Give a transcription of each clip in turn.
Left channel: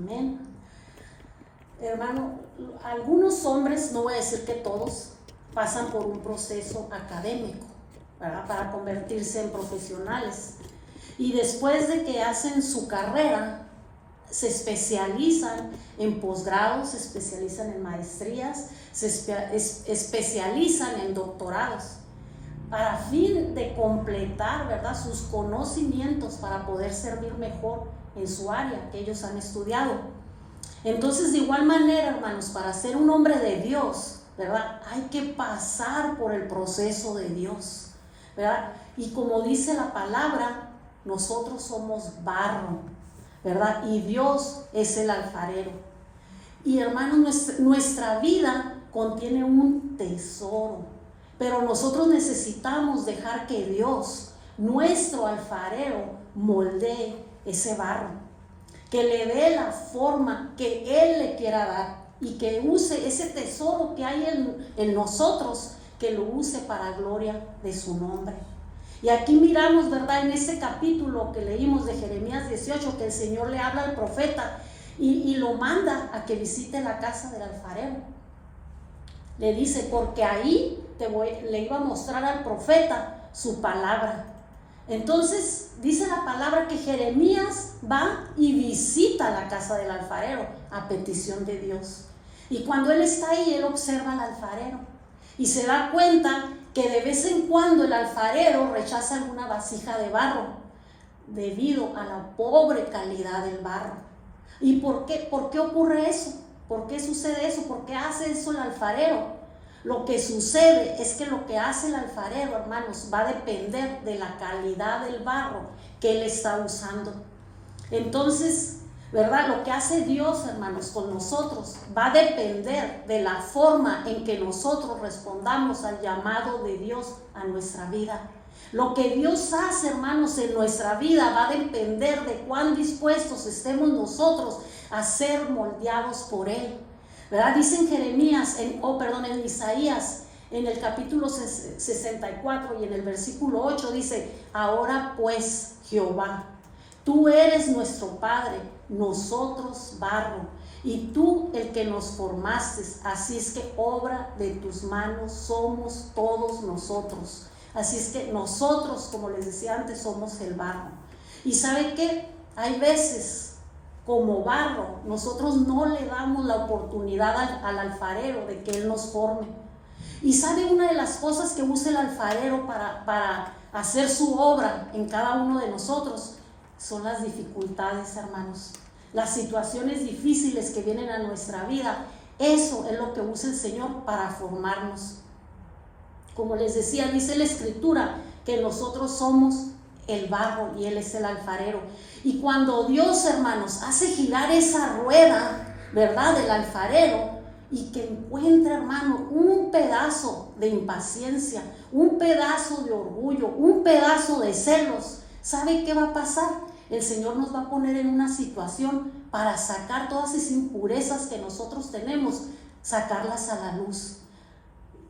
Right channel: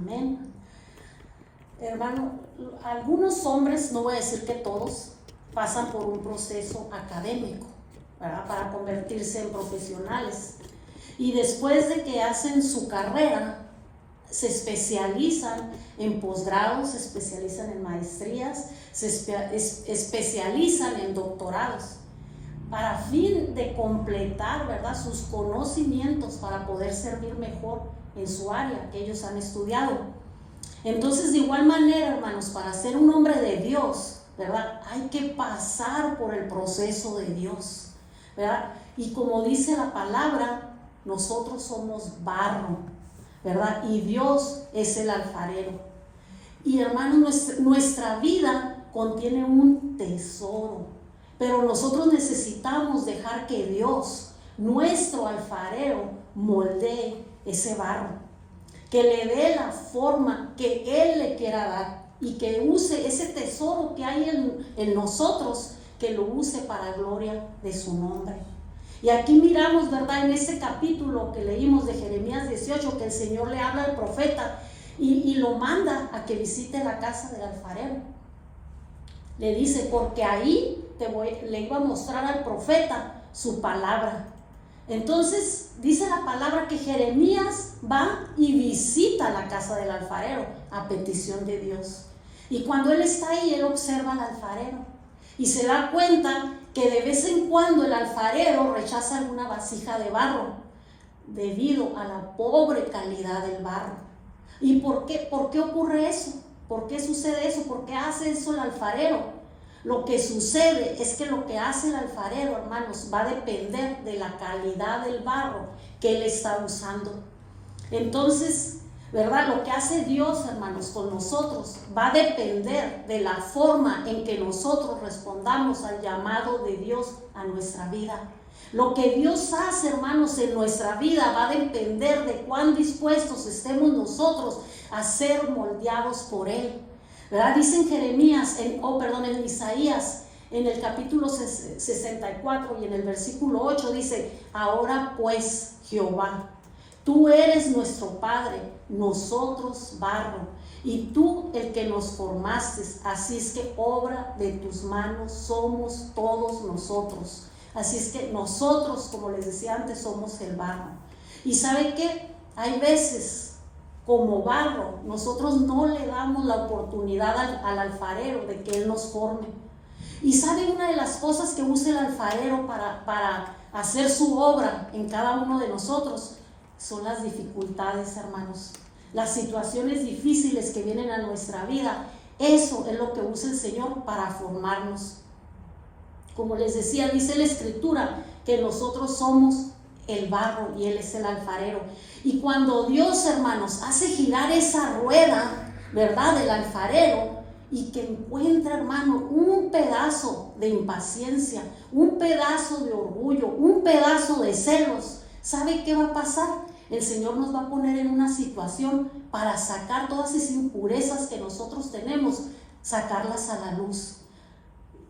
Amén. Hermano, algunos hombres, no voy a decir que todos, pasan por un proceso académico, ¿verdad?, para convertirse en profesionales. Y después de que hacen su carrera, se especializan en posgrados, se especializan en maestrías, se especializan en doctorados, para fin de completar, ¿verdad?, sus conocimientos para poder servir mejor en su área que ellos han estudiado. Entonces, de igual manera, hermanos, para ser un hombre de Dios, ¿verdad?, hay que pasar por el proceso de Dios, ¿verdad? Y como dice la palabra, nosotros somos barro, ¿verdad? Y Dios es el alfarero. Y hermanos, nuestra vida contiene un tesoro, pero nosotros necesitamos dejar que Dios, nuestro alfarero, moldee ese barro, que le dé la forma que Él le quiera dar y que use ese tesoro que hay en nosotros, que lo use para gloria de su nombre. Y aquí miramos, ¿verdad?, en este capítulo que leímos de Jeremías 18, que el Señor le habla al profeta y lo manda a que visite la casa del alfarero. Le dice, porque ahí le iba a mostrar al profeta su palabra. Entonces dice la palabra que Jeremías va y visita la casa del alfarero a petición de Dios. Y cuando él está ahí, él observa al alfarero y se da cuenta que de vez en cuando el alfarero rechaza alguna vasija de barro debido a la pobre calidad del barro. ¿Y por qué ocurre eso? ¿Por qué sucede eso? ¿Por qué hace eso el alfarero? Lo que sucede es que lo que hace el alfarero, hermanos, va a depender de la calidad del barro que él está usando. Entonces, ¿verdad?, lo que hace Dios, hermanos, con nosotros va a depender de la forma en que nosotros respondamos al llamado de Dios a nuestra vida. Lo que Dios hace, hermanos, en nuestra vida va a depender de cuán dispuestos estemos nosotros a ser moldeados por Él, ¿verdad? Dice en Jeremías, en Isaías, en el capítulo 64 y en el versículo 8 dice, ahora pues, Jehová, tú eres nuestro Padre, nosotros barro, y tú el que nos formaste, así es que obra de tus manos somos todos nosotros. Así es que nosotros, como les decía antes, somos el barro. ¿Y saben qué? Hay veces, como barro, nosotros no le damos la oportunidad al alfarero de que él nos forme. Y ¿saben una de las cosas que usa el alfarero para hacer su obra en cada uno de nosotros? Son las dificultades, hermanos, las situaciones difíciles que vienen a nuestra vida. Eso es lo que usa el Señor para formarnos. Como les decía, dice la Escritura que nosotros somos el barro y Él es el alfarero. Y cuando Dios, hermanos, hace girar esa rueda, ¿verdad?, del alfarero, y que encuentra, hermano, un pedazo de impaciencia, un pedazo de orgullo, un pedazo de celos, ¿sabe qué va a pasar? El Señor nos va a poner en una situación para sacar todas esas impurezas que nosotros tenemos, sacarlas a la luz.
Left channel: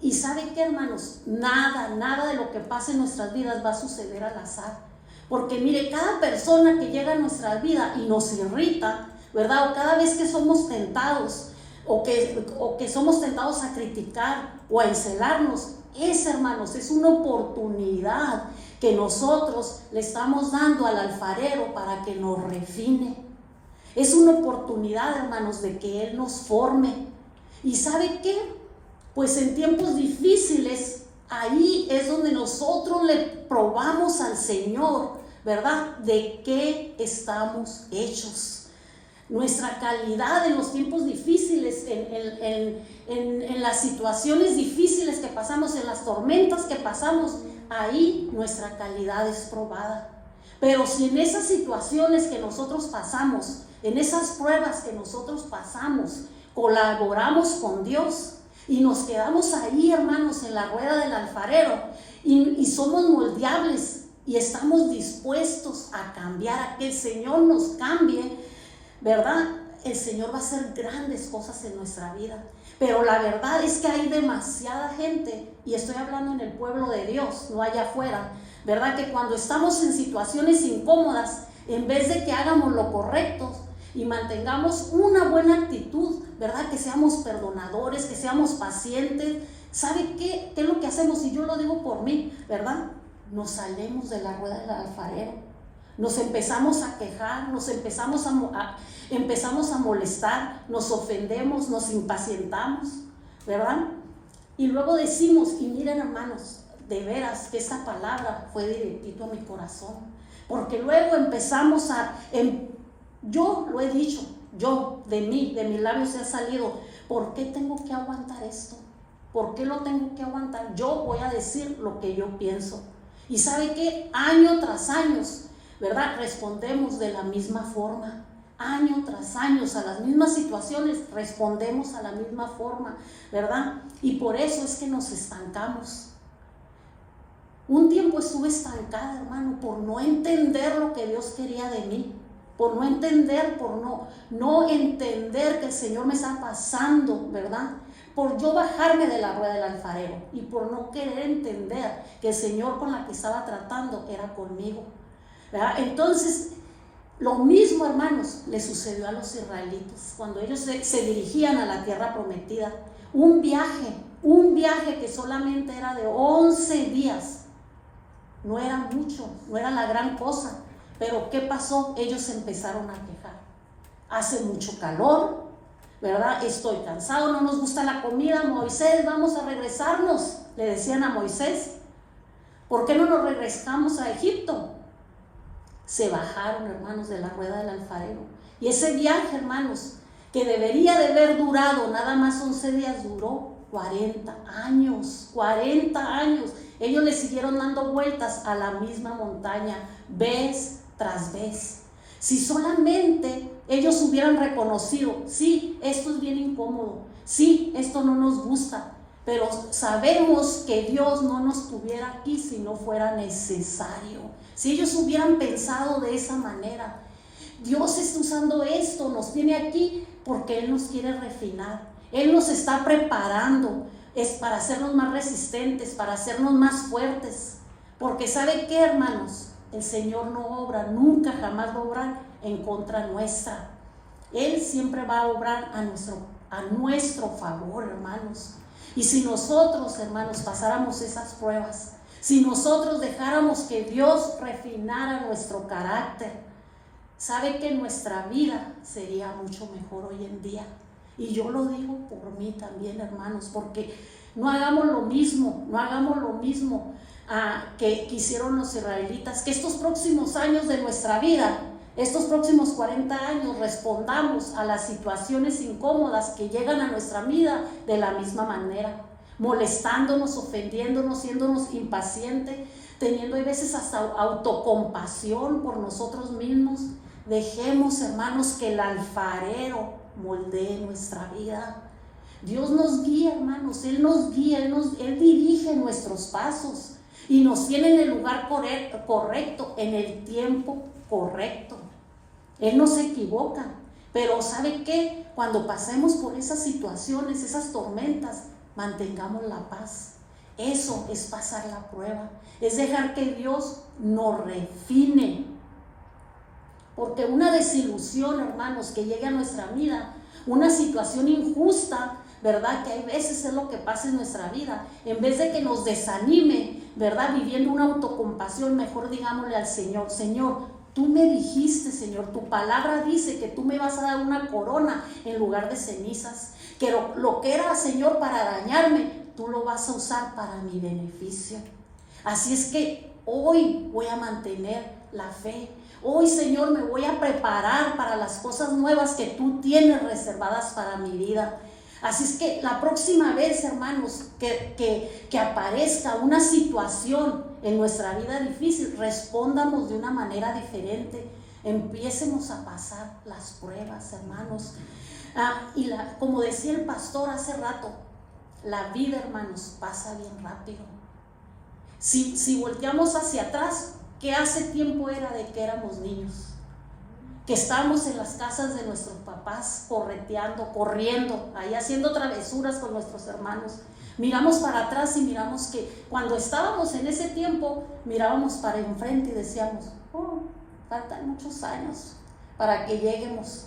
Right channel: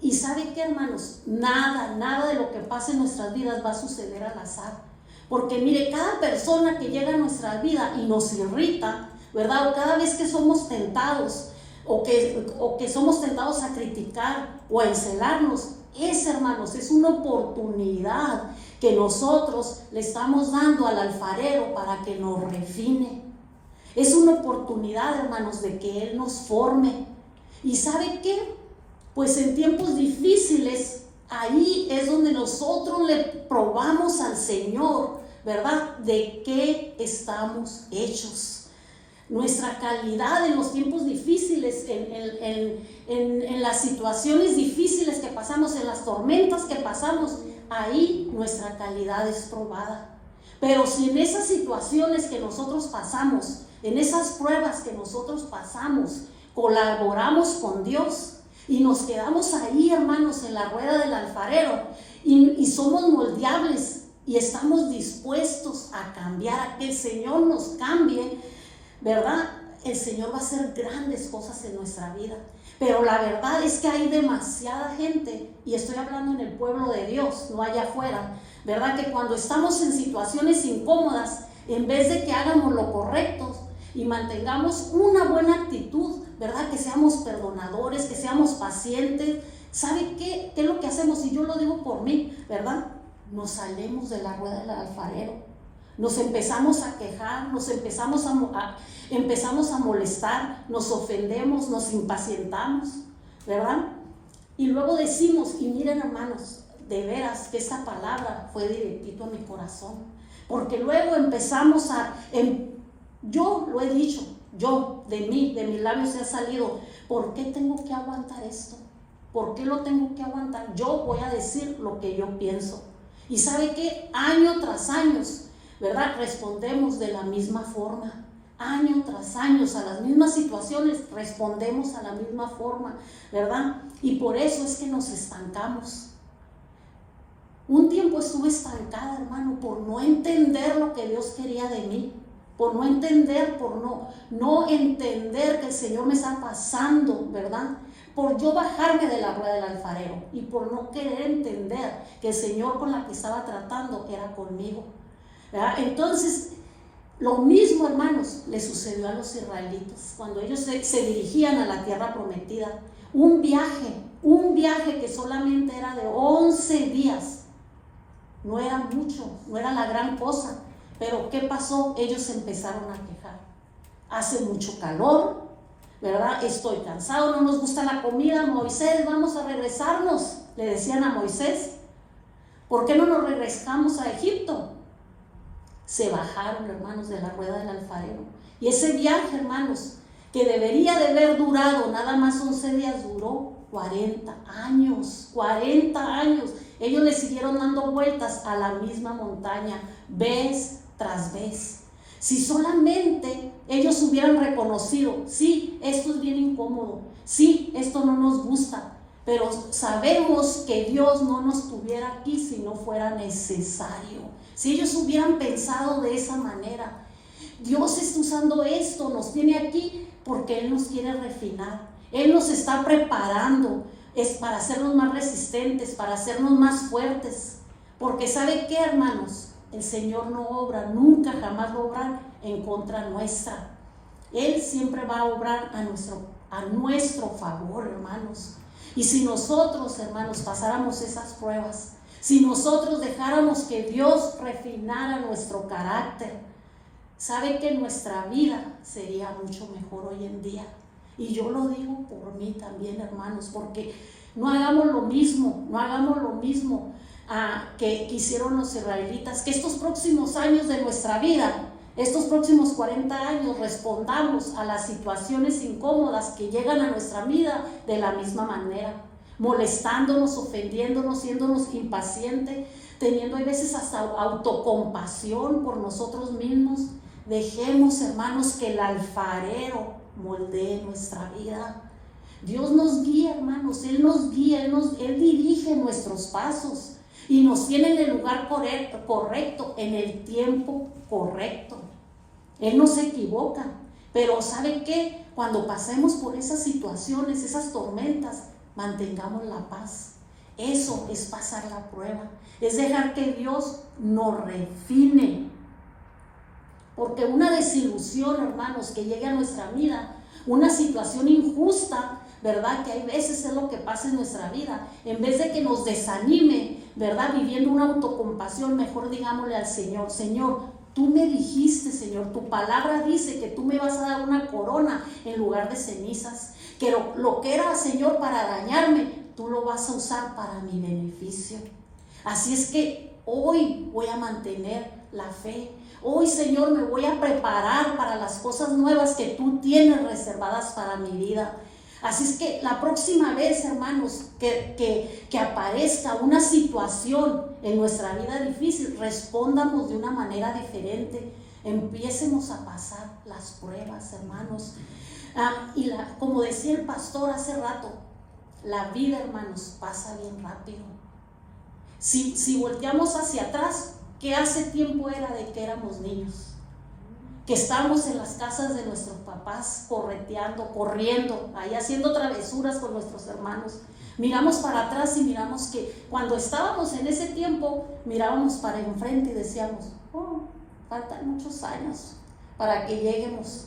Y ¿sabe qué, hermanos? Nada de lo que pasa en nuestras vidas va a suceder al azar. Porque mire, cada persona que llega a nuestra vida y nos irrita, ¿verdad?, o cada vez que somos tentados, o que somos tentados a criticar o a encelarnos, hermanos, es una oportunidad que nosotros le estamos dando al alfarero para que nos refine. Es una oportunidad, hermanos, de que Él nos forme. ¿Y sabe qué? Pues en tiempos difíciles, ahí es donde nosotros le probamos al Señor, ¿verdad?, de qué estamos hechos. Nuestra calidad en los tiempos difíciles, en las situaciones difíciles que pasamos, en las tormentas que pasamos, ahí nuestra calidad es probada. Pero si en esas situaciones que nosotros pasamos, en esas pruebas que nosotros pasamos, colaboramos con Dios y nos quedamos ahí, hermanos, en la rueda del alfarero y somos moldeables y estamos dispuestos a cambiar, a que el Señor nos cambie, ¿verdad? El Señor va a hacer grandes cosas en nuestra vida. Pero la verdad es que hay demasiada gente, y estoy hablando en el pueblo de Dios, no allá afuera, ¿verdad?, que cuando estamos en situaciones incómodas, en vez de que hagamos lo correcto, y mantengamos una buena actitud, ¿verdad? Que seamos perdonadores, que seamos pacientes. ¿Sabe qué es lo que hacemos? Y yo lo digo por mí, ¿verdad? Nos salimos de la rueda del alfarero, nos empezamos a quejar, nos empezamos a molestar, nos ofendemos, nos impacientamos, ¿verdad? Y luego decimos, y miren hermanos, de veras que esta palabra fue directito a mi corazón, porque luego empezamos yo lo he dicho, de mis labios se ha salido, ¿por qué tengo que aguantar esto? ¿Por qué lo tengo que aguantar? Yo voy a decir lo que yo pienso. Y ¿sabe qué? Año tras año, ¿verdad? Respondemos de la misma forma. Año tras año, a las mismas situaciones, respondemos a la misma forma, ¿verdad? Y por eso es que nos estancamos. Un tiempo estuve estancada, hermano, por no entender lo que Dios quería de mí. Por no entender, no entender que el Señor me está pasando, ¿verdad? Por yo bajarme de la rueda del alfarero y por no querer entender que el Señor con la que estaba tratando era conmigo, ¿verdad? Entonces, lo mismo, hermanos, le sucedió a los israelitas cuando ellos se dirigían a la tierra prometida. Un viaje que solamente era de 11 días. No era mucho, no era la gran cosa. Pero ¿qué pasó? Ellos empezaron a quejar. Hace mucho calor, ¿verdad? Estoy cansado, no nos gusta la comida. Moisés, vamos a regresarnos, le decían a Moisés. ¿Por qué no nos regresamos a Egipto? Se bajaron, hermanos, de la rueda del alfarero. Y ese viaje, hermanos, que debería de haber durado nada más 11 días, duró 40 años. 40 años. Ellos le siguieron dando vueltas a la misma montaña, vez tras vez. Si solamente ellos hubieran reconocido, sí, esto es bien incómodo, sí, esto no nos gusta, pero sabemos que Dios no nos tuviera aquí si no fuera necesario. Si ellos hubieran pensado de esa manera, Dios está usando esto, nos tiene aquí porque Él nos quiere refinar, Él nos está preparando, es para hacernos más resistentes, para hacernos más fuertes, porque ¿sabe qué, hermanos? El Señor no obra, nunca jamás va a obrar en contra nuestra. Él siempre va a obrar a nuestro favor, hermanos. Y si nosotros, hermanos, pasáramos esas pruebas, si nosotros dejáramos que Dios refinara nuestro carácter, sabe que nuestra vida sería mucho mejor hoy en día. Y yo lo digo por mí también, hermanos, porque no hagamos lo mismo que hicieron los israelitas, que estos próximos años de nuestra vida, estos próximos 40 años, respondamos a las situaciones incómodas que llegan a nuestra vida de la misma manera, molestándonos, ofendiéndonos, siéndonos impacientes, teniendo a veces hasta autocompasión por nosotros mismos. Dejemos, hermanos, que el alfarero moldee nuestra vida. Dios nos guía, hermanos, Él nos guía, Él dirige nuestros pasos y nos tiene en el lugar correcto, en el tiempo correcto. Él no se equivoca, pero ¿sabe qué? Cuando pasemos por esas situaciones, esas tormentas, mantengamos la paz. Eso es pasar la prueba, es dejar que Dios nos refine. Porque una desilusión, hermanos, que llegue a nuestra vida, una situación injusta, ¿verdad? Que hay veces es lo que pasa en nuestra vida. En vez de que nos desanime, ¿verdad? Viviendo una autocompasión, mejor digámosle al Señor: Señor, tú me dijiste, Señor, tu palabra dice que tú me vas a dar una corona en lugar de cenizas, que lo que era, Señor, para dañarme, tú lo vas a usar para mi beneficio. Así es que hoy voy a mantener la fe. Hoy, Señor, me voy a preparar para las cosas nuevas que tú tienes reservadas para mi vida. Así es que la próxima vez, hermanos, que aparezca una situación en nuestra vida difícil, respondamos de una manera diferente. Empiecemos a pasar las pruebas, hermanos. Como decía el pastor hace rato, la vida, hermanos, pasa bien rápido. Si volteamos hacia atrás, ¿qué hace tiempo era de que éramos niños? Que estábamos en las casas de nuestros papás correteando, corriendo, ahí haciendo travesuras con nuestros hermanos. Miramos para atrás y miramos que cuando estábamos en ese tiempo, mirábamos para enfrente y decíamos: oh, faltan muchos años para que lleguemos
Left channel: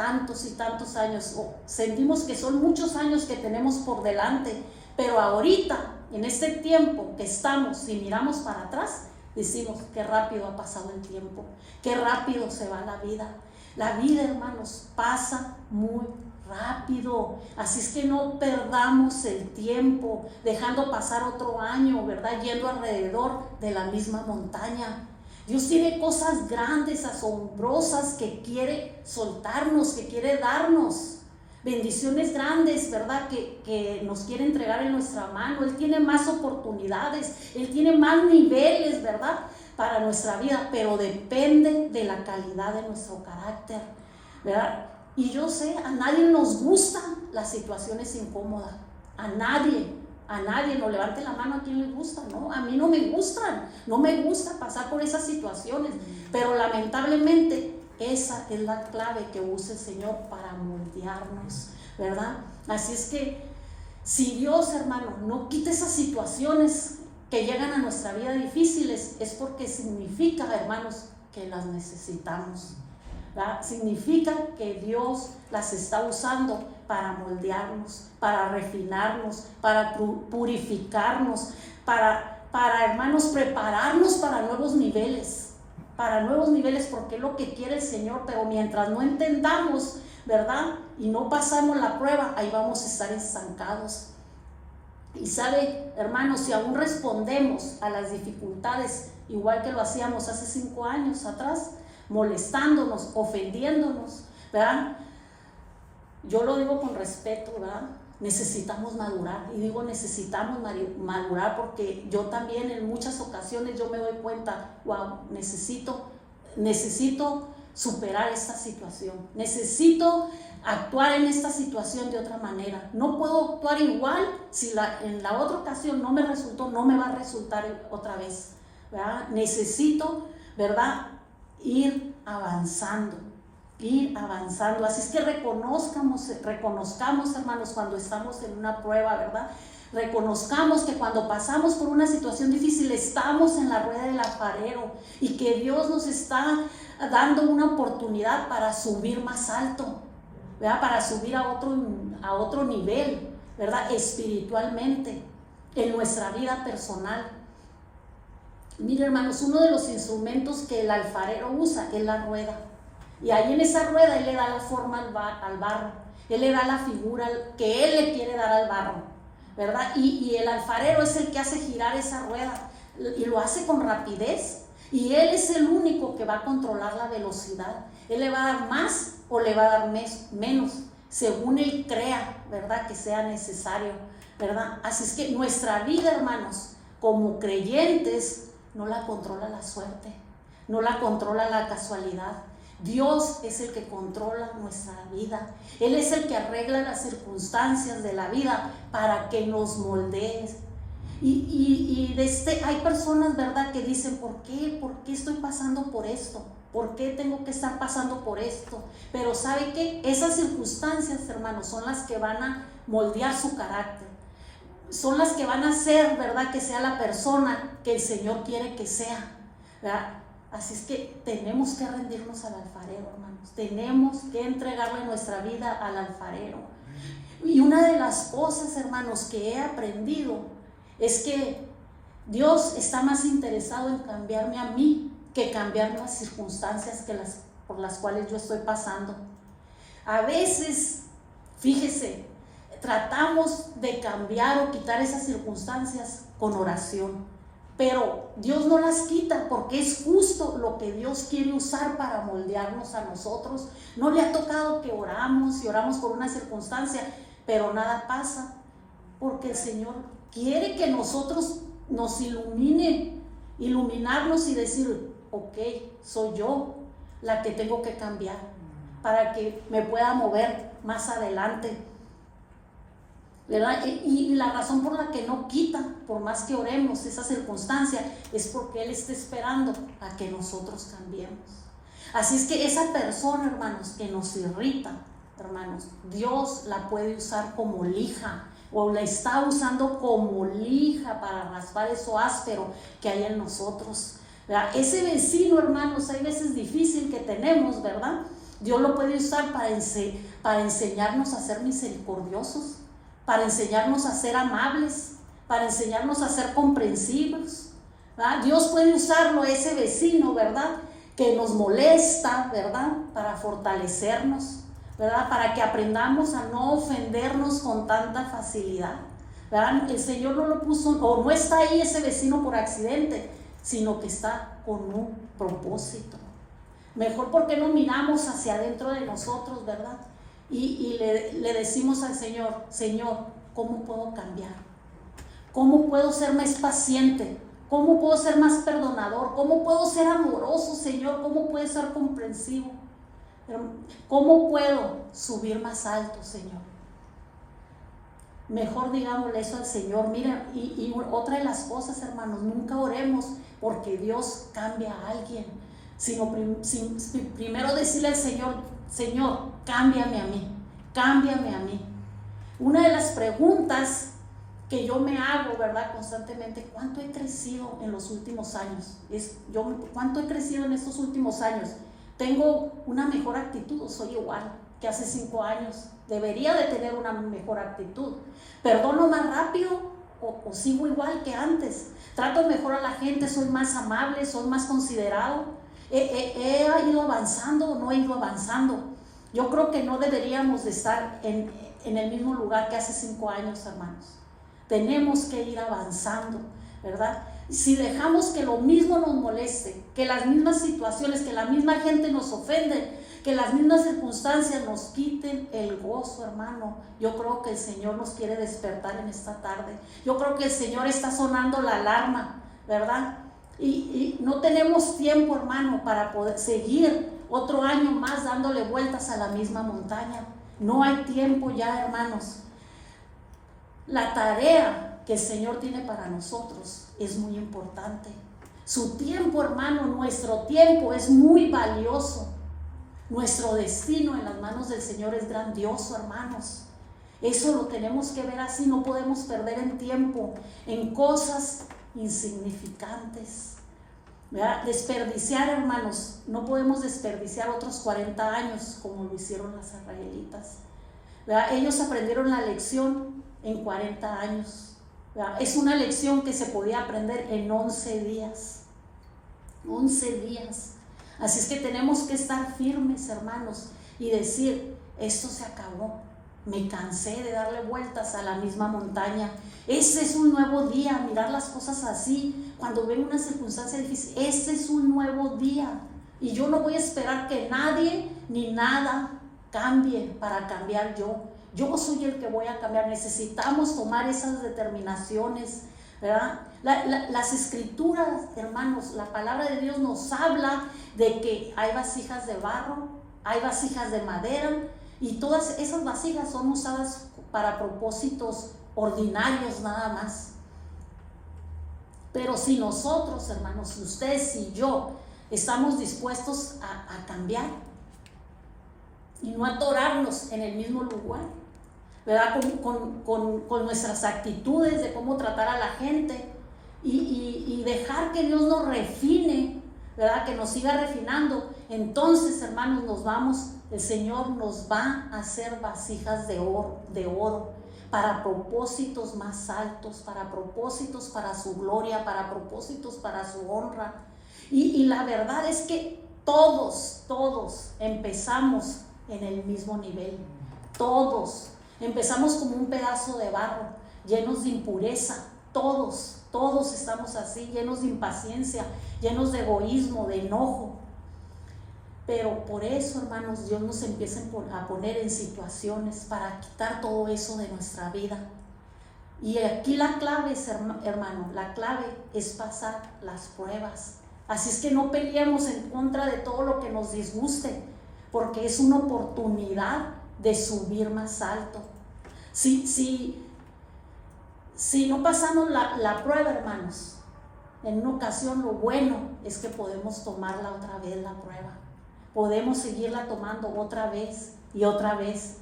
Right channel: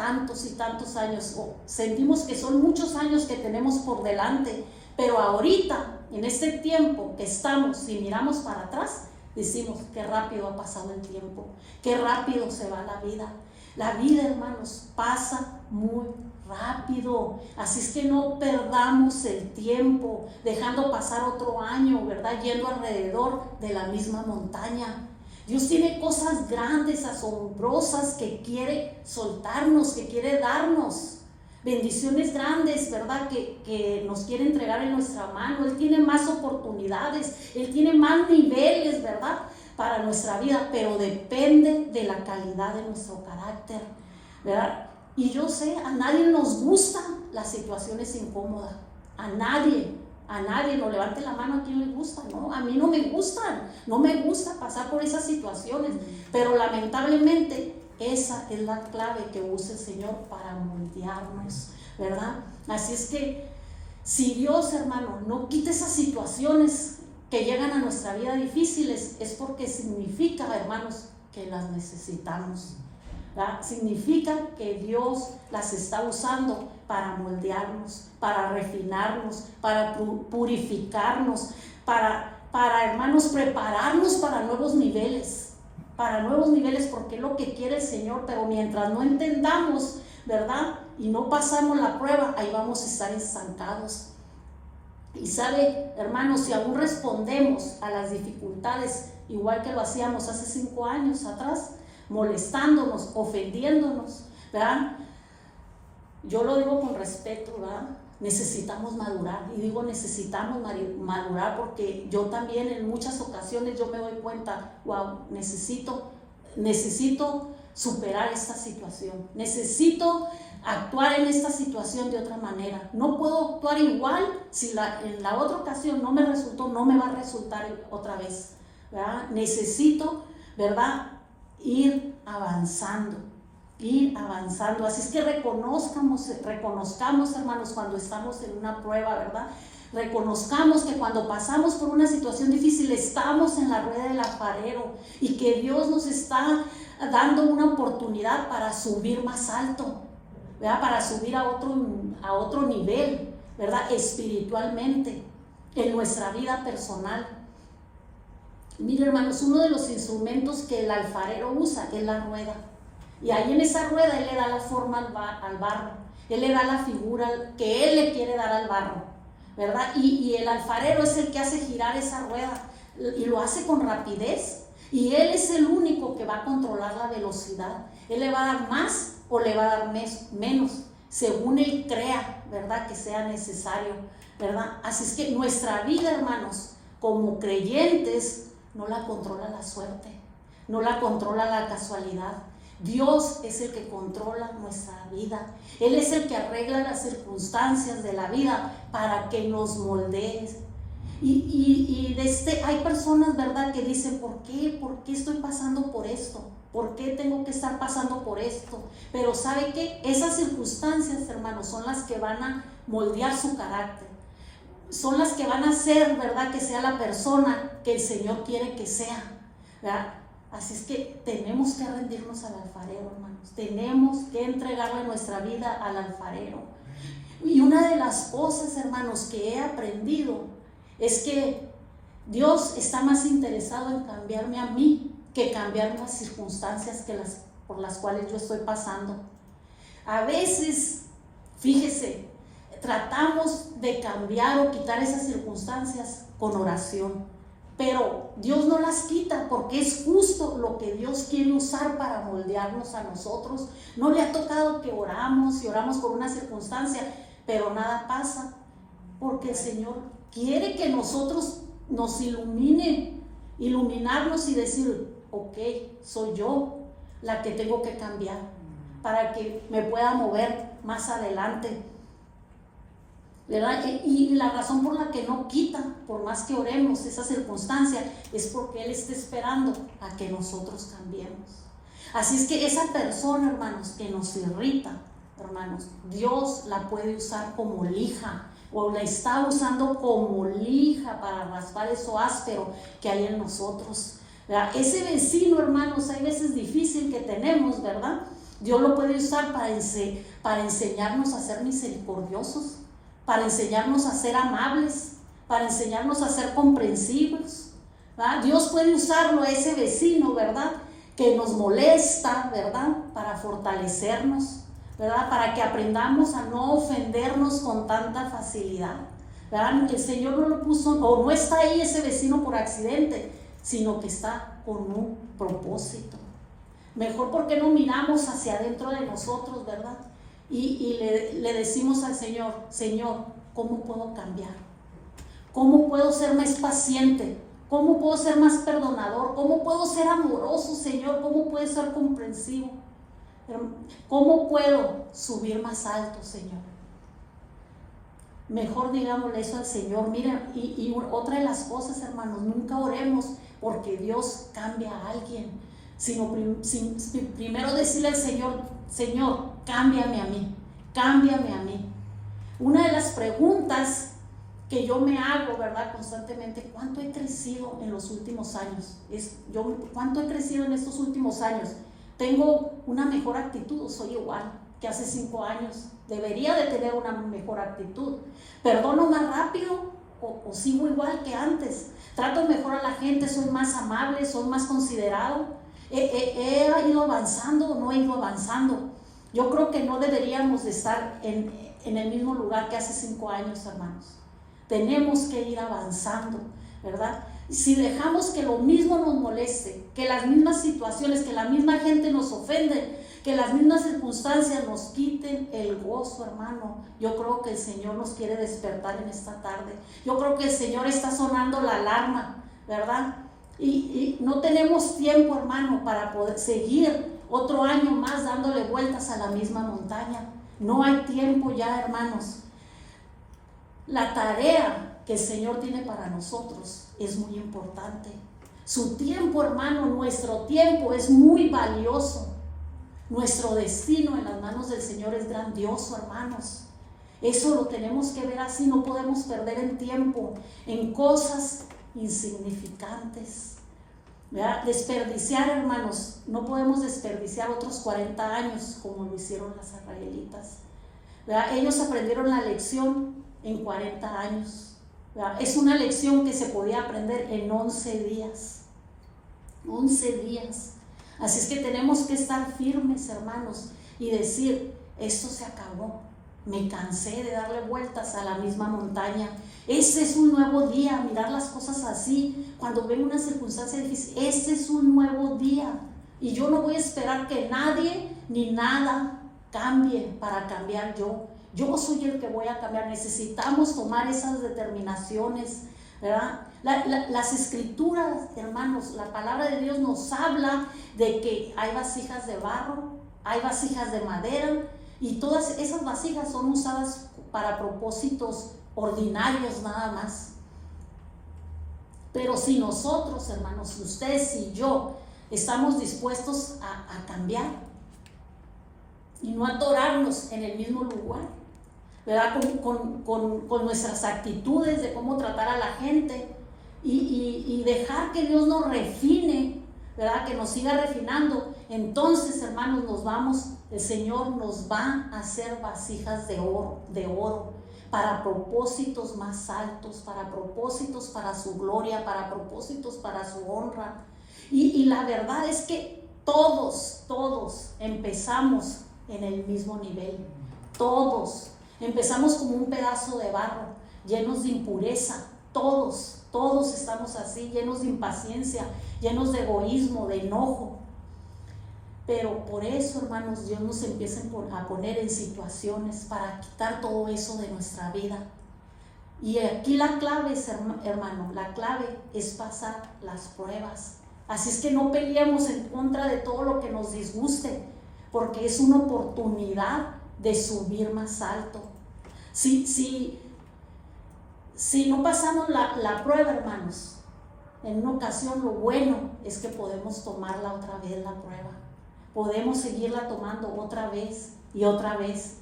tantos y tantos años, o sentimos que son muchos años que tenemos por delante, pero ahorita, en este tiempo que estamos, si miramos para atrás, decimos qué rápido ha pasado el tiempo, qué rápido se va la vida. La vida, hermanos, pasa muy rápido, así es que no perdamos el tiempo dejando pasar otro año, ¿verdad? Yendo alrededor de la misma montaña. Dios tiene cosas grandes, asombrosas que quiere soltarnos, que quiere darnos. Bendiciones grandes, ¿verdad? Que nos quiere entregar en nuestra mano. Él tiene más oportunidades, Él tiene más niveles, ¿verdad? Para nuestra vida, pero depende de la calidad de nuestro carácter, ¿verdad? Y yo sé, a nadie nos gustan las situaciones incómodas, a nadie, no levante la mano a quien le gusta, ¿no? A mí no me gustan, no me gusta pasar por esas situaciones, pero lamentablemente esa es la clave que usa el Señor para moldearnos, ¿verdad? Así es que si Dios, hermano, no quita esas situaciones que llegan a nuestra vida difíciles, es porque significa, hermanos, que las necesitamos, ¿verdad? Significa que Dios las está usando para moldearnos, para refinarnos, para purificarnos, para hermanos, prepararnos para nuevos niveles, porque es lo que quiere el Señor. Pero mientras no entendamos, ¿verdad? Y no pasamos la prueba, ahí vamos a estar estancados. Y sabe, hermanos, si aún respondemos a las dificultades igual que lo hacíamos hace 5 años atrás, molestándonos, ofendiéndonos, ¿verdad? Yo lo digo con respeto, ¿verdad? Necesitamos madurar, y digo necesitamos madurar porque yo también en muchas ocasiones yo me doy cuenta, wow, necesito superar esta situación, necesito actuar en esta situación de otra manera. No puedo actuar igual si en la otra ocasión no me resultó, no me va a resultar otra vez, ¿verdad? Necesito, ¿verdad?, ir avanzando. Así es que reconozcamos, hermanos, cuando estamos en una prueba, ¿verdad? Reconozcamos que cuando pasamos por una situación difícil estamos en la rueda del alfarero y que Dios nos está dando una oportunidad para subir más alto, ¿verdad? Para subir a otro nivel, ¿verdad? Espiritualmente, en nuestra vida personal. Mira, hermanos, uno de los instrumentos que el alfarero usa es la rueda. Y ahí en esa rueda Él le da la forma al barro, Él le da la figura que Él le quiere dar al barro, ¿verdad? Y el alfarero es el que hace girar esa rueda y lo hace con rapidez. Y Él es el único que va a controlar la velocidad. Él le va a dar más o le va a dar menos, según Él crea, ¿verdad?, que sea necesario, ¿verdad? Así es que nuestra vida, hermanos, como creyentes, no la controla la suerte, no la controla la casualidad. Dios es el que controla nuestra vida. Él es el que arregla las circunstancias de la vida para que nos moldee. Hay personas, ¿verdad?, que dicen, ¿por qué estoy pasando por esto? ¿Por qué tengo que estar pasando por esto? Pero ¿sabe qué? Esas circunstancias, hermanos, son las que van a moldear su carácter. Son las que van a hacer, ¿verdad?, que sea la persona que el Señor quiere que sea, ¿verdad? Así es que tenemos que rendirnos al alfarero, hermanos. Tenemos que entregarle nuestra vida al alfarero. Y una de las cosas, hermanos, que he aprendido es que Dios está más interesado en cambiarme a mí que cambiar las circunstancias por las cuales yo estoy pasando. A veces, fíjese, tratamos de cambiar o quitar esas circunstancias con oración. Pero Dios no las quita porque es justo lo que Dios quiere usar para moldearnos a nosotros. No le ha tocado que oramos y oramos por una circunstancia, pero nada pasa porque el Señor quiere que nosotros nos iluminarnos y decir, ok, soy yo la que tengo que cambiar para que me pueda mover más adelante, ¿verdad? Y la razón por la que no quita, por más que oremos esa circunstancia, es porque Él está esperando a que nosotros cambiemos. Así es que esa persona, hermanos, que nos irrita, hermanos, Dios la puede usar como lija, o la está usando como lija para raspar eso áspero que hay en nosotros, ¿verdad? Ese vecino, hermanos, hay veces difícil que tenemos, ¿verdad?, Dios lo puede usar para enseñarnos a ser misericordiosos, para enseñarnos a ser amables, para enseñarnos a ser comprensivos, ¿verdad? Dios puede usarlo a ese vecino, ¿verdad?, que nos molesta, ¿verdad?, para fortalecernos, ¿verdad?, para que aprendamos a no ofendernos con tanta facilidad, ¿verdad? El Señor no lo puso, o no está ahí ese vecino por accidente, sino que está con un propósito. Mejor porque no miramos hacia adentro de nosotros, ¿verdad? Y le decimos al Señor: Señor, ¿cómo puedo cambiar? ¿Cómo puedo ser más paciente? ¿Cómo puedo ser más perdonador? ¿Cómo puedo ser amoroso, Señor? ¿Cómo puedo ser comprensivo? ¿Cómo puedo subir más alto, Señor? Mejor digámosle eso al Señor. Mira, y otra de las cosas, hermanos, nunca oremos porque Dios cambia a alguien, sino primero decirle al Señor: Señor, cámbiame a mí, cámbiame a mí. Una de las preguntas que yo me hago, ¿verdad?, constantemente: ¿cuánto he crecido en los últimos años? ¿Cuánto he crecido en estos últimos años? ¿Tengo una mejor actitud o soy igual que hace 5 años? Debería de tener una mejor actitud. ¿Perdono más rápido o sigo igual que antes? ¿Trato mejor a la gente? ¿Soy más amable? ¿Soy más considerado? ¿He ido avanzando o no he ido avanzando? Yo creo que no deberíamos de estar en el mismo lugar que hace 5 años, hermanos. Tenemos que ir avanzando, ¿verdad? Si dejamos que lo mismo nos moleste, que las mismas situaciones, que la misma gente nos ofende, que las mismas circunstancias nos quiten el gozo, hermano, yo creo que el Señor nos quiere despertar en esta tarde. Yo creo que el Señor está sonando la alarma, ¿verdad? Y no tenemos tiempo, hermano, para poder seguir otro año más dándole vueltas a la misma montaña. No hay tiempo ya, hermanos. La tarea que el Señor tiene para nosotros es muy importante. Su tiempo, hermano, nuestro tiempo es muy valioso. Nuestro destino en las manos del Señor es grandioso, hermanos. Eso lo tenemos que ver así. No podemos perder el tiempo en cosas insignificantes, ¿verdad? Desperdiciar, hermanos, no podemos desperdiciar otros 40 años como lo hicieron las israelitas, ¿verdad? Ellos aprendieron la lección en 40 años, ¿verdad? Es una lección que se podía aprender en 11 días. 11 días. Así es que tenemos que estar firmes, hermanos, y decir: esto se acabó. Me cansé de darle vueltas a la misma montaña. Este es un nuevo día. Mirar las cosas así cuando ven una circunstancia difícil. Este es un nuevo día. Y yo no voy a esperar que nadie ni nada cambie para cambiar yo. Yo soy el que voy a cambiar. Necesitamos tomar esas determinaciones, ¿verdad? Las escrituras, hermanos, la palabra de Dios nos habla de que hay vasijas de barro, hay vasijas de madera, y todas esas vasijas son usadas para propósitos ordinarios nada más. Pero si nosotros, hermanos, ustedes y yo estamos dispuestos a cambiar y no atorarnos en el mismo lugar, ¿verdad? Con nuestras actitudes de cómo tratar a la gente y dejar que Dios nos refine, ¿verdad? Que nos siga refinando. Entonces, hermanos, el Señor nos va a hacer vasijas de oro para propósitos más altos, para propósitos para su gloria, para propósitos para su honra. Y la verdad es que todos empezamos en el mismo nivel. Todos empezamos como un pedazo de barro, llenos de impureza. Todos estamos así, llenos de impaciencia, llenos de egoísmo, de enojo. Pero por eso, hermanos, Dios nos empieza a poner en situaciones para quitar todo eso de nuestra vida. Y aquí la clave es, hermano, la clave es pasar las pruebas. Así es que no peleemos en contra de todo lo que nos disguste, porque es una oportunidad de subir más alto. Si no pasamos la prueba, hermanos, en una ocasión lo bueno es que podemos tomarla otra vez, la prueba. Podemos seguirla tomando otra vez y otra vez.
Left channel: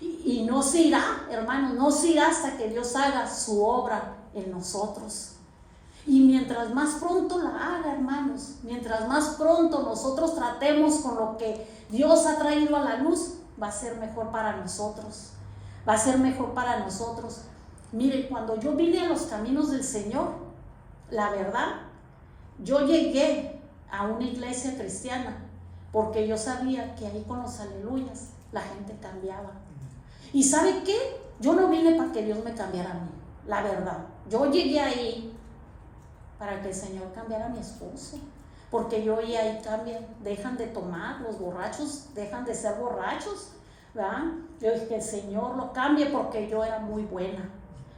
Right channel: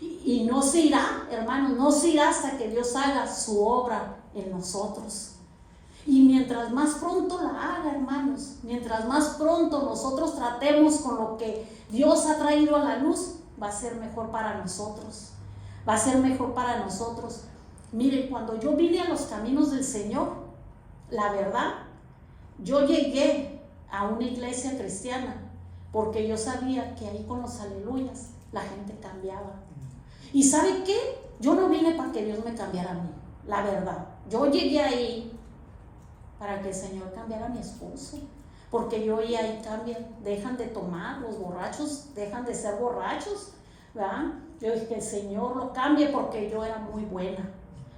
Y no se irá, hermanos, no se irá hasta que Dios haga su obra en nosotros. Y mientras más pronto la haga, hermanos, mientras más pronto nosotros tratemos con lo que Dios ha traído a la luz, va a ser mejor para nosotros. Va a ser mejor para nosotros. Miren, cuando yo vine a los caminos del Señor, la verdad, yo llegué a una iglesia cristiana porque yo sabía que ahí con los aleluyas la gente cambiaba. ¿Y sabe qué? Yo no vine para que Dios me cambiara a mí, la verdad. Yo llegué ahí para que el Señor cambiara a mi esposo, porque yo y ahí cambian, dejan de tomar, los borrachos dejan de ser borrachos, ¿verdad? Yo dije que el Señor lo cambie porque yo era muy buena,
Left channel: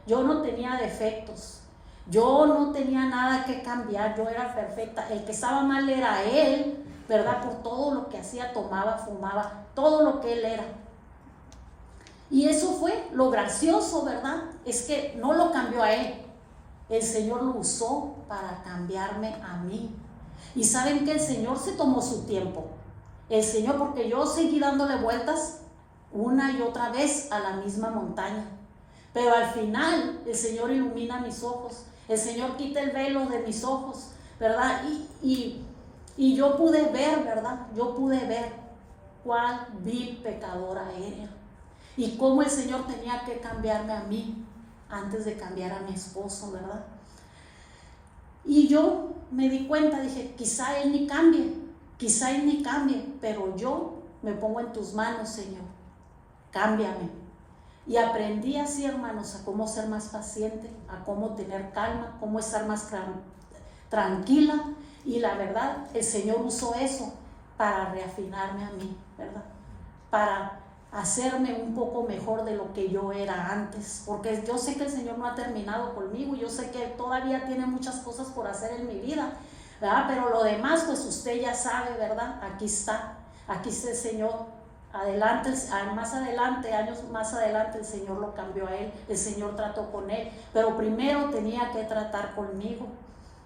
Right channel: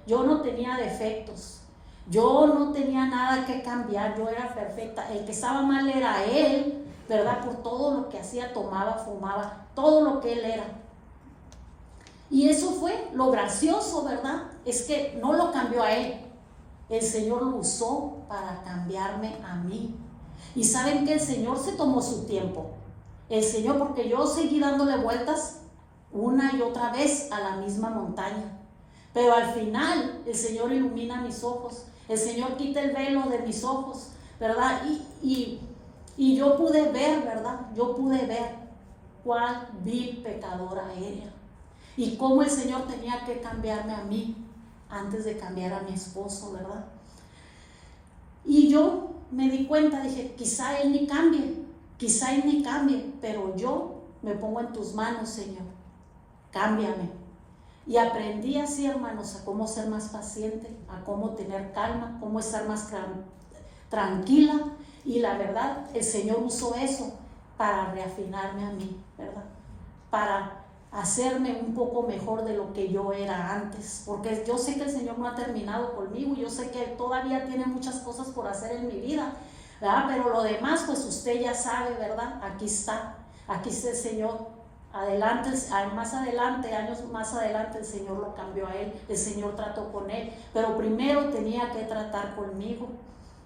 yo no tenía defectos, yo no tenía nada que cambiar, yo era perfecta. El que estaba mal era él, ¿verdad? Por todo lo que hacía, tomaba, fumaba, todo lo que él era. Y eso fue lo gracioso, ¿verdad? Es que no lo cambió a él, el Señor lo usó para cambiarme a mí. Y saben que el Señor se tomó su tiempo. El Señor, porque yo seguí dándole vueltas una y otra vez a la misma montaña. Pero al final el Señor ilumina mis ojos. El Señor quita el velo de mis ojos, ¿verdad? Y yo pude ver, ¿verdad? Yo pude ver cuál vil pecadora era. Y cómo el Señor tenía que cambiarme a mí antes de cambiar a mi esposo, ¿verdad? Y yo me di cuenta, dije, quizá Él ni cambie, pero yo me pongo en tus manos, Señor, cámbiame. Y aprendí así, hermanos, a cómo ser más paciente, a cómo tener calma, cómo estar más tranquila. Y la verdad, el Señor usó eso para reafinarme a mí, ¿verdad? Para hacerme un poco mejor de lo que yo era antes, porque yo sé que el Señor no ha terminado conmigo, yo sé que todavía tiene muchas cosas por hacer en mi vida, ¿verdad? Pero lo demás, pues usted ya sabe, ¿verdad? Aquí está el Señor. Adelante, más adelante, años más adelante, el Señor lo cambió a él, el Señor trató con él, pero primero tenía que tratar conmigo,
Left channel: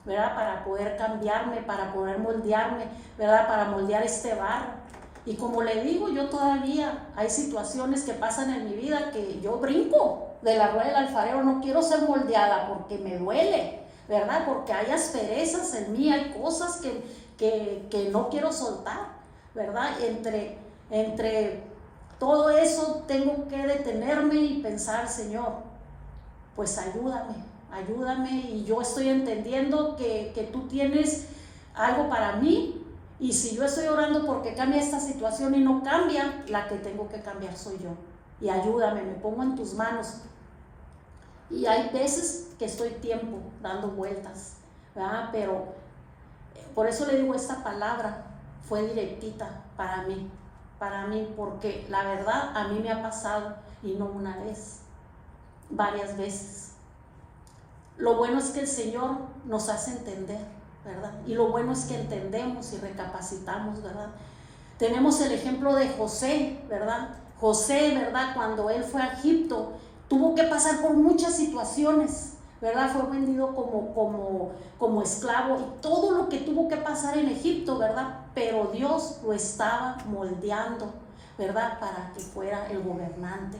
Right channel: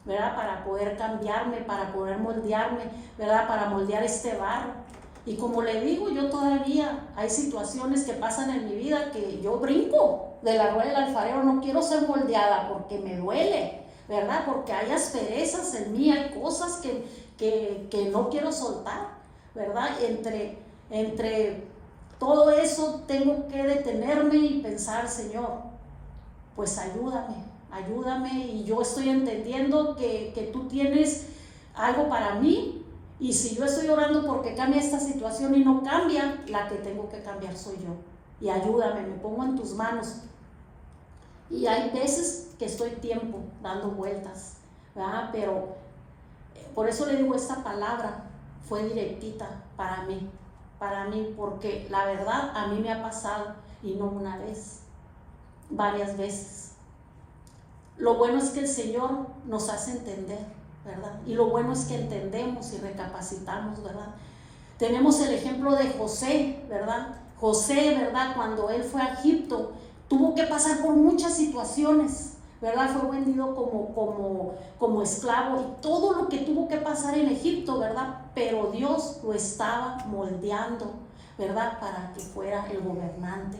¿verdad? Para poder cambiarme, para poder moldearme, ¿verdad? Para moldear este barro. Y como le digo, yo todavía hay situaciones que pasan en mi vida que yo brinco de la rueda del alfarero, no quiero ser moldeada porque me duele, ¿verdad? Porque hay asperezas en mí, hay cosas que no quiero soltar, ¿verdad? Entre todo eso tengo que detenerme y pensar, Señor, pues ayúdame, y yo estoy entendiendo que tú tienes algo para mí. Y si yo estoy orando porque cambie esta situación y no cambia, la que tengo que cambiar soy yo. Y ayúdame, me pongo en tus manos. Y hay veces que estoy tiempo dando vueltas, ¿verdad? Pero por eso le digo, esta palabra fue directita para mí, porque la verdad a mí me ha pasado, y no una vez, varias veces. Lo bueno es que el Señor nos hace entender, ¿verdad? Y lo bueno es que entendemos y recapacitamos, ¿verdad? Tenemos el ejemplo de José, ¿verdad? José, ¿verdad? Cuando él fue a Egipto, tuvo que pasar por muchas situaciones, ¿verdad? Fue vendido como esclavo y todo lo que tuvo que pasar en Egipto, ¿verdad? Pero Dios lo estaba moldeando, ¿verdad? Para que fuera el gobernante,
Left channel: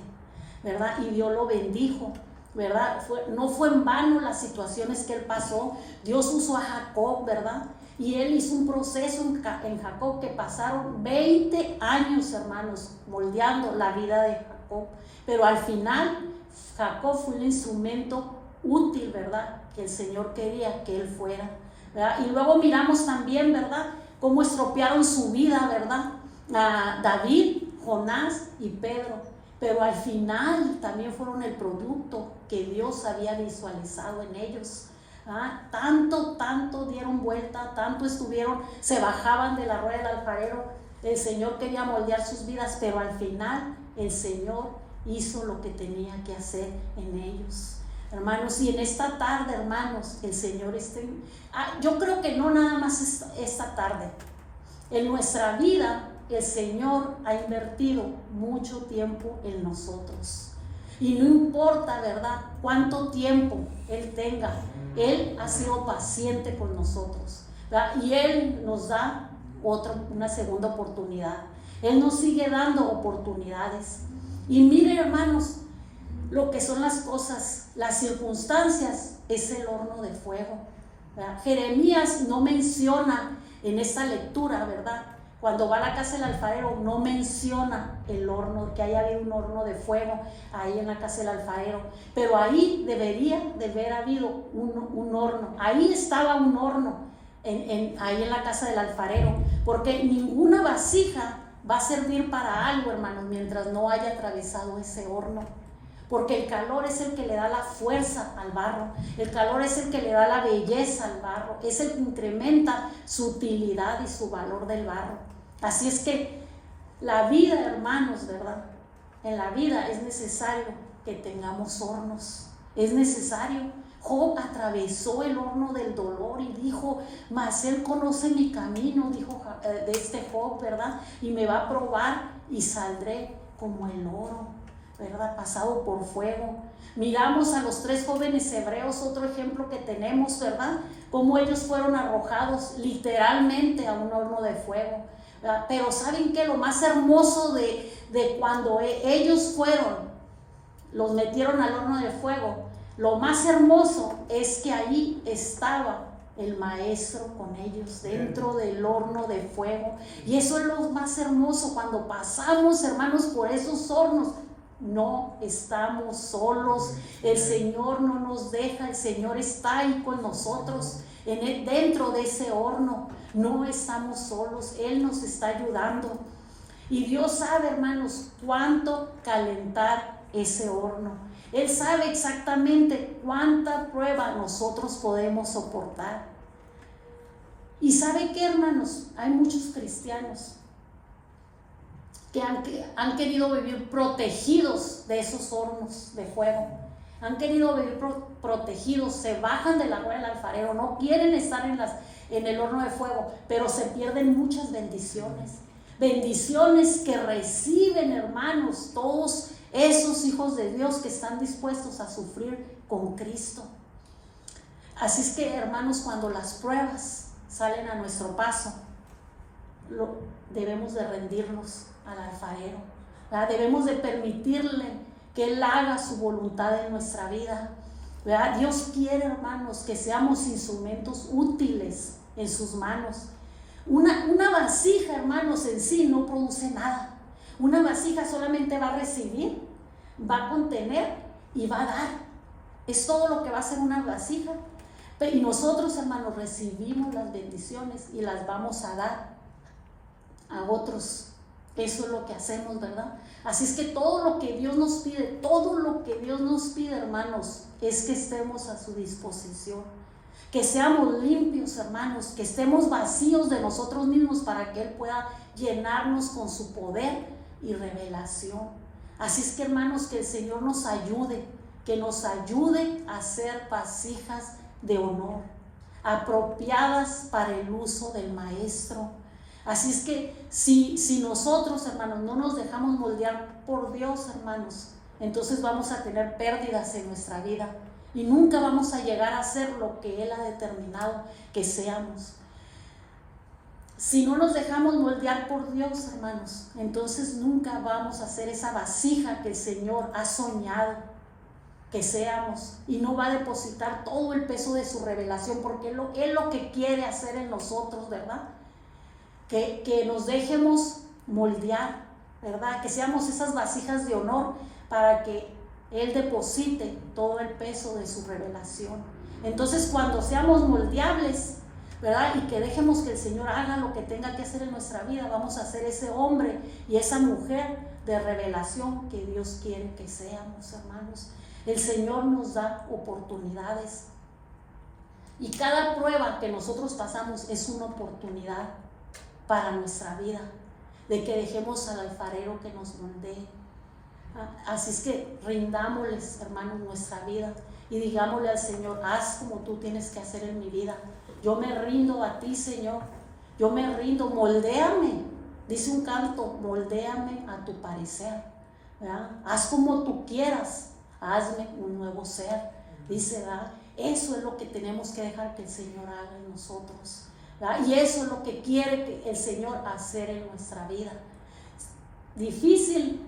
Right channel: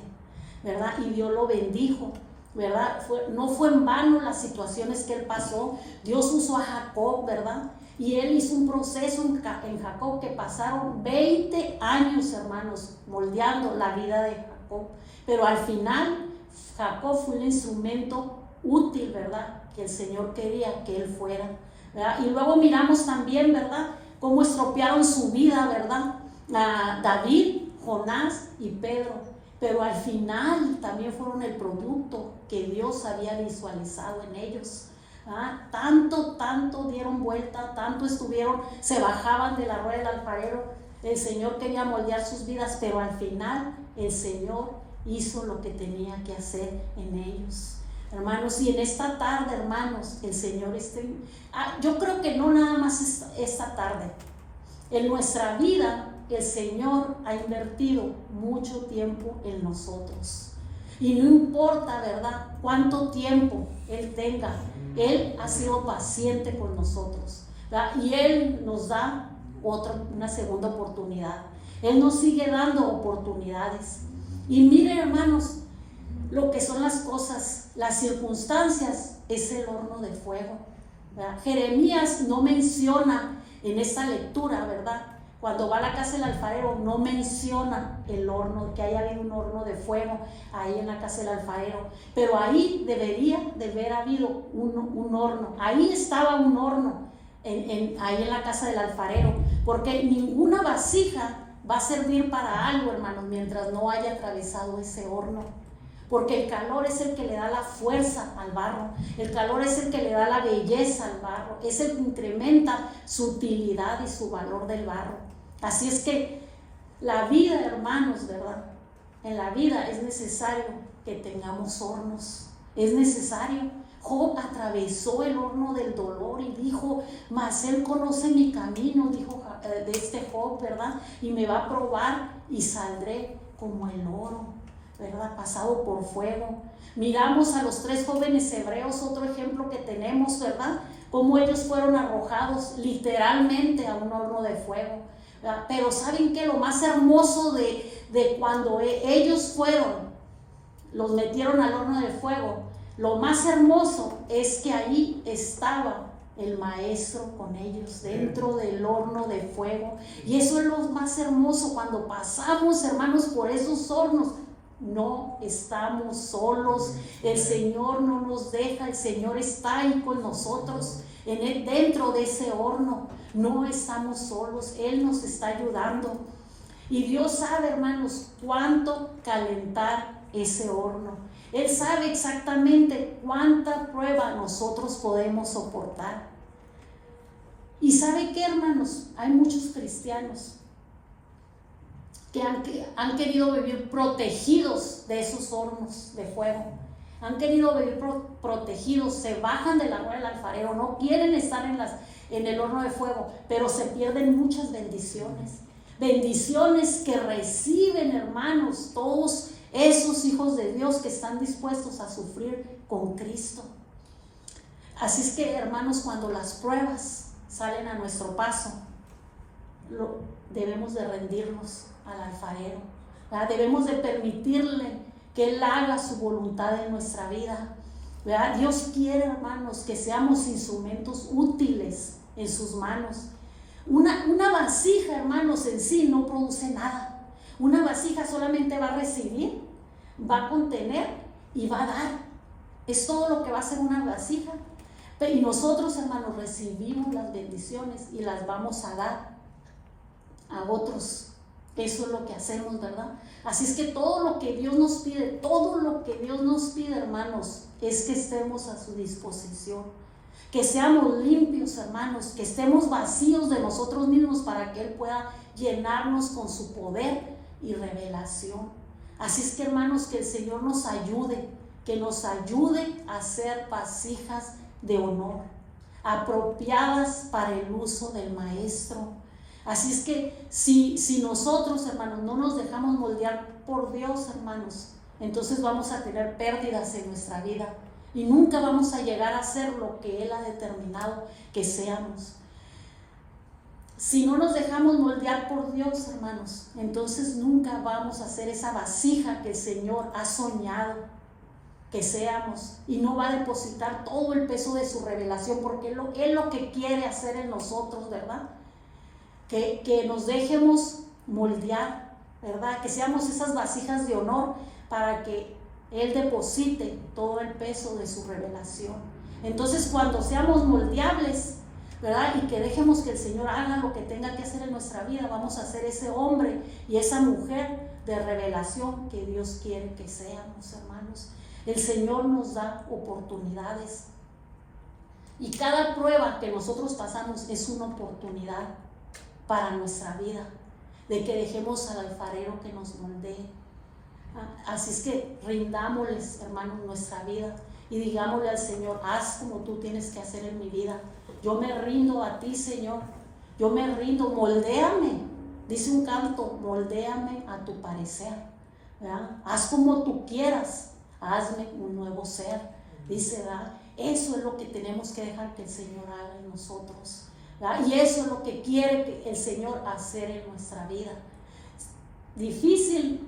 ¿verdad? Y Dios lo bendijo, ¿verdad? No fue en vano las situaciones que él pasó. Dios usó a Jacob, ¿verdad? Y él hizo un proceso en Jacob que pasaron 20 años, hermanos, moldeando la vida de Jacob. Pero al final, Jacob fue un instrumento útil, ¿verdad? Que el Señor quería que él fuera, ¿verdad? Y luego miramos también, ¿verdad? Cómo estropearon su vida, ¿verdad? A David, Jonás y Pedro. Pero al final también fueron el producto que Dios había visualizado en ellos. Tanto dieron vuelta, tanto estuvieron, se bajaban de la rueda del alfarero. El Señor quería moldear sus vidas, pero al final el Señor hizo lo que tenía que hacer en ellos. Hermanos, y en esta tarde, hermanos, el Señor yo creo que no nada más esta tarde, en nuestra vida el Señor ha invertido mucho tiempo en nosotros. Y no importa, ¿verdad?, cuánto tiempo Él tenga, Él ha sido paciente con nosotros, ¿verdad? Y Él nos da una segunda oportunidad. Él nos sigue dando oportunidades. Y miren, hermanos, lo que son las cosas, las circunstancias es el horno de fuego. ¿verdad? Jeremías no menciona en esta lectura, ¿verdad? Cuando va a la casa del alfarero no menciona el horno, que haya habido un horno de fuego ahí en la casa del alfarero, pero ahí debería de haber habido un horno, ahí estaba un horno, ahí en la casa del alfarero, porque ninguna vasija va a servir para algo, hermanos, mientras no haya atravesado ese horno, porque el calor es el que le da la fuerza al barro, el calor es el que le da la belleza al barro, es el que incrementa su utilidad y su valor del barro. Así es que la vida, hermanos, ¿verdad? En la vida es necesario que tengamos hornos, es necesario. Job atravesó el horno del dolor y dijo, mas él conoce mi camino, dijo de este Job, ¿verdad? Y me va a probar y saldré como el oro, ¿verdad? Pasado por fuego. Miramos a los 3 jóvenes hebreos, otro ejemplo que tenemos, ¿verdad? Cómo ellos fueron arrojados literalmente a un horno de fuego. Pero ¿saben qué? Lo más hermoso de cuando ellos los metieron al horno de fuego, lo más hermoso es que ahí estaba el maestro con ellos dentro del horno de fuego. Y eso es lo más hermoso cuando pasamos, hermanos, por esos hornos. No estamos solos, el Señor no nos deja, el Señor está ahí con nosotros, dentro de ese horno. No estamos solos, Él nos está ayudando. Y Dios sabe, hermanos, cuánto calentar ese horno. Él sabe exactamente cuánta prueba nosotros podemos soportar. Y ¿sabe qué, hermanos? Hay muchos cristianos que han querido vivir protegidos de esos hornos de fuego. Han querido vivir protegidos, se bajan de la rueda del alfarero, no quieren estar en el horno de fuego, pero se pierden muchas bendiciones. Bendiciones que reciben, hermanos, todos esos hijos de Dios que están dispuestos a sufrir con Cristo. Así es que, hermanos, cuando las pruebas salen a nuestro paso, debemos de rendirnos al alfarero, ¿verdad? Debemos de permitirle que Él haga su voluntad en nuestra vida, ¿verdad? Dios quiere, hermanos, que seamos instrumentos útiles en sus manos. Una vasija, hermanos, en sí no produce nada. Una vasija solamente va a recibir, va a contener y va a dar. Es todo lo que va a hacer una vasija. Y nosotros, hermanos, recibimos las bendiciones y las vamos a dar a otros. Eso es lo que hacemos, ¿verdad? Así es que todo lo que Dios nos pide, hermanos, es que estemos a su disposición, que seamos limpios, hermanos, que estemos vacíos de nosotros mismos para que Él pueda llenarnos con su poder y revelación. Así es que, hermanos, que el Señor nos ayude, que nos ayude a ser vasijas de honor, apropiadas para el uso del Maestro. Así es que si nosotros, hermanos, no nos dejamos moldear por Dios, hermanos, entonces vamos a tener pérdidas en nuestra vida y nunca vamos a llegar a ser lo que Él ha determinado que seamos. Si no nos dejamos moldear por Dios, hermanos, entonces nunca vamos a ser esa vasija que el Señor ha soñado que seamos, y no va a depositar todo el peso de su revelación, porque Él lo que quiere hacer en nosotros, ¿verdad? Que nos dejemos moldear, ¿verdad? Que seamos esas vasijas de honor para que Él deposite todo el peso de su revelación. Entonces, cuando seamos moldeables, ¿verdad? Y que dejemos que el Señor haga lo que tenga que hacer en nuestra vida, vamos a ser ese hombre y esa mujer de revelación que Dios quiere que seamos, hermanos. El Señor nos da oportunidades y cada prueba que nosotros pasamos es una oportunidad para nuestra vida, de que dejemos al alfarero que nos moldee. Así es que rindámosles, hermanos, nuestra vida y digámosle al Señor, haz como tú tienes que hacer en mi vida. Yo me rindo a ti, Señor, yo me rindo, moldéame. Dice un canto, moldéame a tu parecer, ¿verdad? Haz como tú quieras, hazme un nuevo ser, dice, ¿verdad? Eso es lo que tenemos que dejar que el Señor haga en nosotros, ¿verdad? Y eso es lo que quiere el Señor hacer en nuestra vida. Difícil,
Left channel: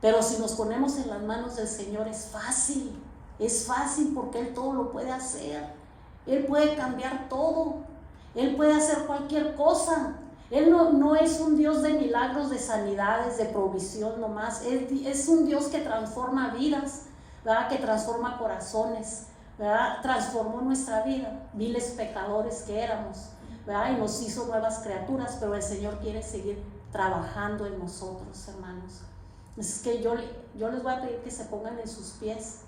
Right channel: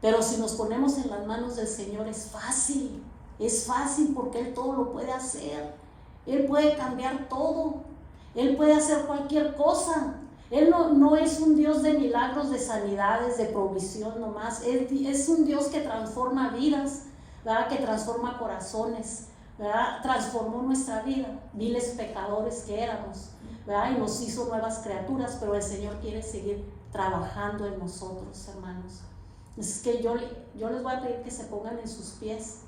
pero si nos ponemos en las manos del Señor es fácil porque Él todo lo puede hacer. Él puede cambiar todo. Él puede hacer cualquier cosa. Él no es un Dios de milagros, de sanidades, de provisión nomás. Él es un Dios que transforma vidas, ¿verdad? Que transforma corazones, ¿verdad? Transformó nuestra vida, viles pecadores que éramos, ¿verdad? Y nos hizo nuevas criaturas, pero el Señor quiere seguir trabajando en nosotros, hermanos. Es que yo les voy a pedir que se pongan en sus pies,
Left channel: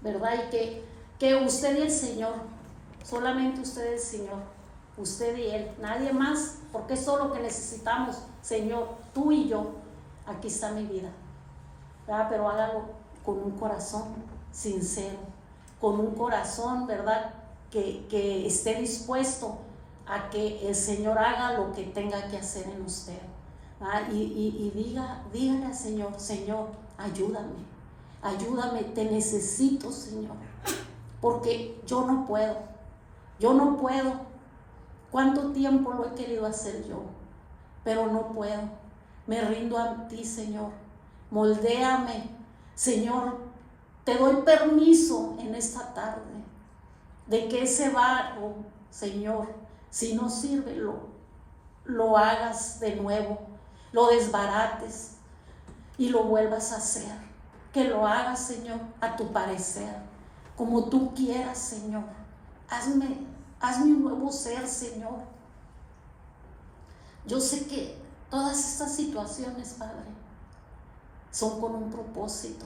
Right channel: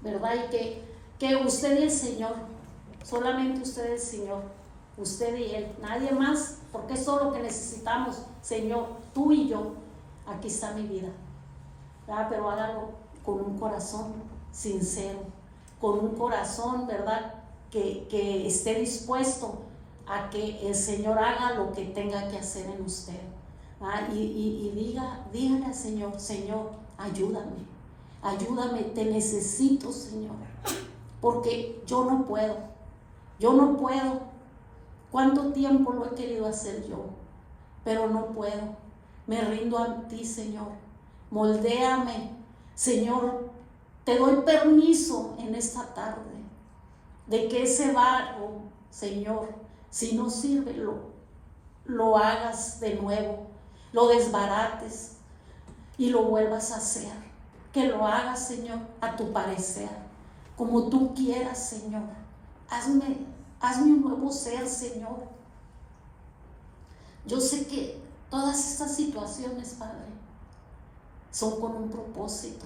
¿verdad? Y que usted y el Señor, solamente usted y el Señor, usted y Él, nadie más, porque es todo lo que necesitamos. Señor, tú y yo, aquí está mi vida, ¿verdad? Pero hágalo con un corazón sincero, con un corazón, ¿verdad? Que esté dispuesto a que el Señor haga lo que tenga que hacer en usted, ¿verdad? Y dígale al Señor: Señor, ayúdame, te necesito, Señor, porque yo no puedo. ¿Cuánto tiempo lo he querido hacer yo? Pero no puedo. Me rindo a ti, Señor. Moldéame, Señor. Te doy permiso en esta tarde de que ese barro, Señor, si no sirve, lo hagas de nuevo, lo desbarates y lo vuelvas a hacer. Que lo hagas, Señor, a tu parecer, como tú quieras, Señor. Hazme un nuevo ser, Señor. Yo sé que todas estas situaciones, Padre, son con un propósito.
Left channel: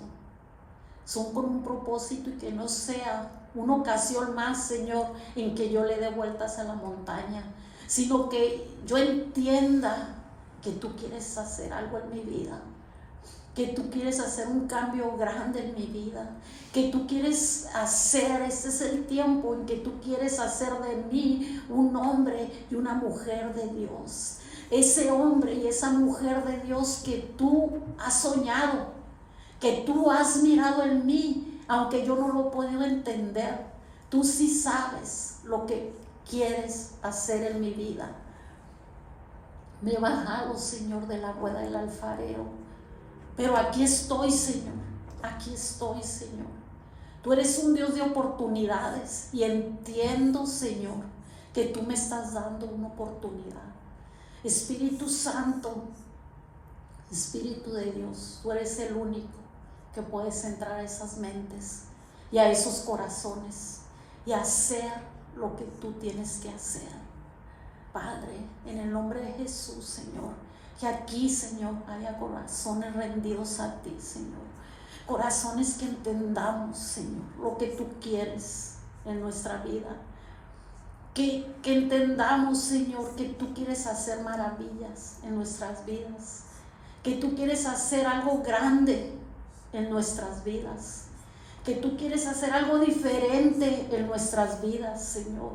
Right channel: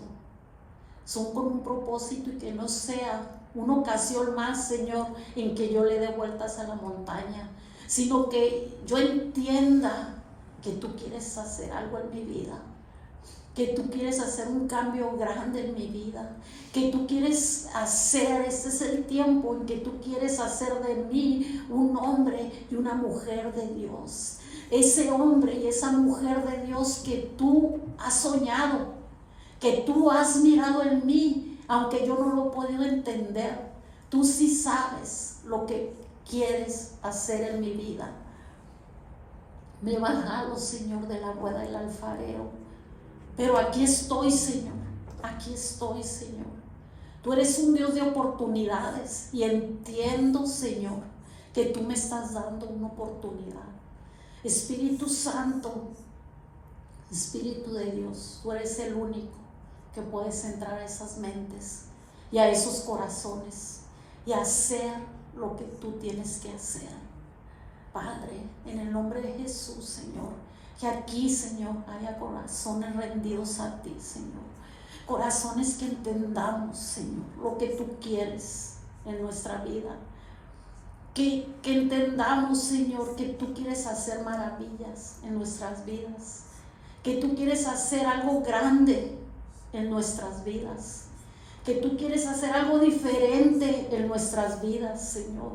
Y que no sea una ocasión más, Señor, en que yo le dé vueltas a la montaña, sino que yo entienda que tú quieres hacer algo en mi vida, que tú quieres hacer un cambio grande en mi vida, que tú quieres hacer, este es el tiempo en que tú quieres hacer de mí un hombre y una mujer de Dios. Ese hombre y esa mujer de Dios que tú has soñado, que tú has mirado en mí, aunque yo no lo he podido entender. Tú sí sabes lo que quieres hacer en mi vida. Me he bajado, Señor, de la rueda del alfarero, pero aquí estoy, Señor. Tú eres un Dios de oportunidades y entiendo, Señor, que tú me estás dando una oportunidad. Espíritu Santo, Espíritu de Dios, tú eres el único que puedes entrar a esas mentes y a esos corazones y hacer lo que tú tienes que hacer. Padre, en el nombre de Jesús, Señor, que aquí, Señor, haya corazones rendidos a ti, Señor. Corazones que entendamos, Señor, lo que tú quieres en nuestra vida. Que entendamos, Señor, que tú quieres hacer maravillas en nuestras vidas. Que tú quieres hacer algo grande en nuestras vidas. Que tú quieres hacer algo diferente en nuestras vidas, Señor.